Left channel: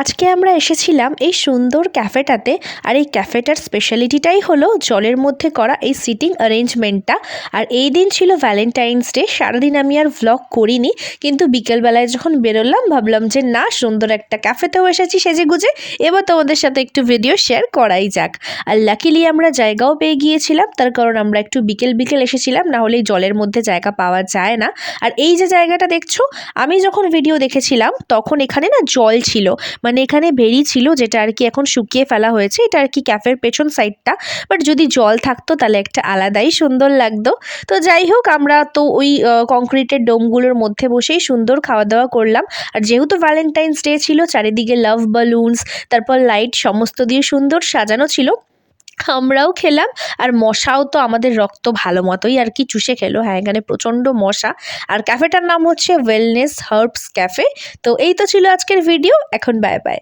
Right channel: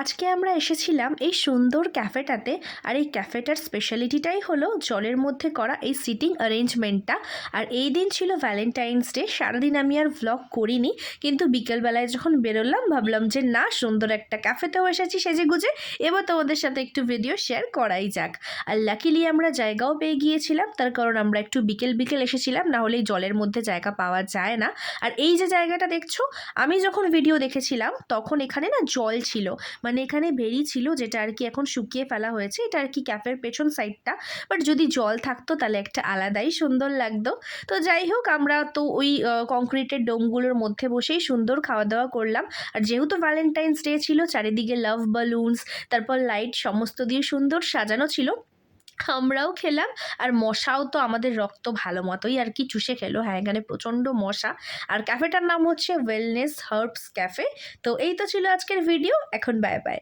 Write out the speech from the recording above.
আজকে আমরা এসেছিলাম এই সুন্দর ক্যাফেটাতে। আর এই ক্যাফেটার স্পেশালিটিটাই হলো জলের মধ্যে করা এই সিটিং অ্যারেঞ্জমেন্টটা। আর এই দিন ছিল ভ্যালেন্টাইন্স ডে। সারাদিন আমি আর ভ্লগ করিনি, কিন্তু বিকেলবেলায় যখন বেরোলাম ভাবলাম যে না, সুন্দর একটা ক্যাফেতেও এসেছি সেজে গুজে, এবার তোমাদের সাথে একটু ভিডিও শেয়ার করাই যাক। আর লাকিলি আমরা জায়গাও পেয়ে গিয়েছিলাম, তার কারণ আমরা একটু বিকেল বিকেল এসেছিলাম, না হলে জলের মধ্যে জায়গা পাওয়া যায় না। আর এই যে জায়গাটা দেখছো, আমি যখন ভিডিও দেখেছিলাম তখন এখানে না জল ছিল, মানে এখানে বেরি ছিল, যেটা আর কি এখন শুকিয়ে ফেলা হয়েছে। এটা আর কি ক্যাফের পেছন সাইডটা, বাট যদি জল থাকতো তাহলে একটা আলাদাই সুন্দর লাগতো। তো যাই হোক, আমরা তো ওই কংক্রিটের ডোমগুলোর মধ্যে বসেই সুন্দর খাওয়া দাওয়া করলাম। আর যেহেতু ভ্যালেন্টাইন্স ডে ছিল, চারিদিকে লাভ বালুনস, তারপর লাইট সমস্ত দিয়ে সুন্দর সাজানো ছিল। আমরাও খেলাম, আর মশাও তো আমাদের রক্ত ভালো মতোই আর কি চুষে খেলো। হ্যাঁ, এখানে প্রচণ্ড মশা। আর ক্যাফেটার নাম হচ্ছে ওয়েলনেস হার্বস ক্যাফে। তো এই তো ছিল আজকের ভিডিও। এখন বাই বাই।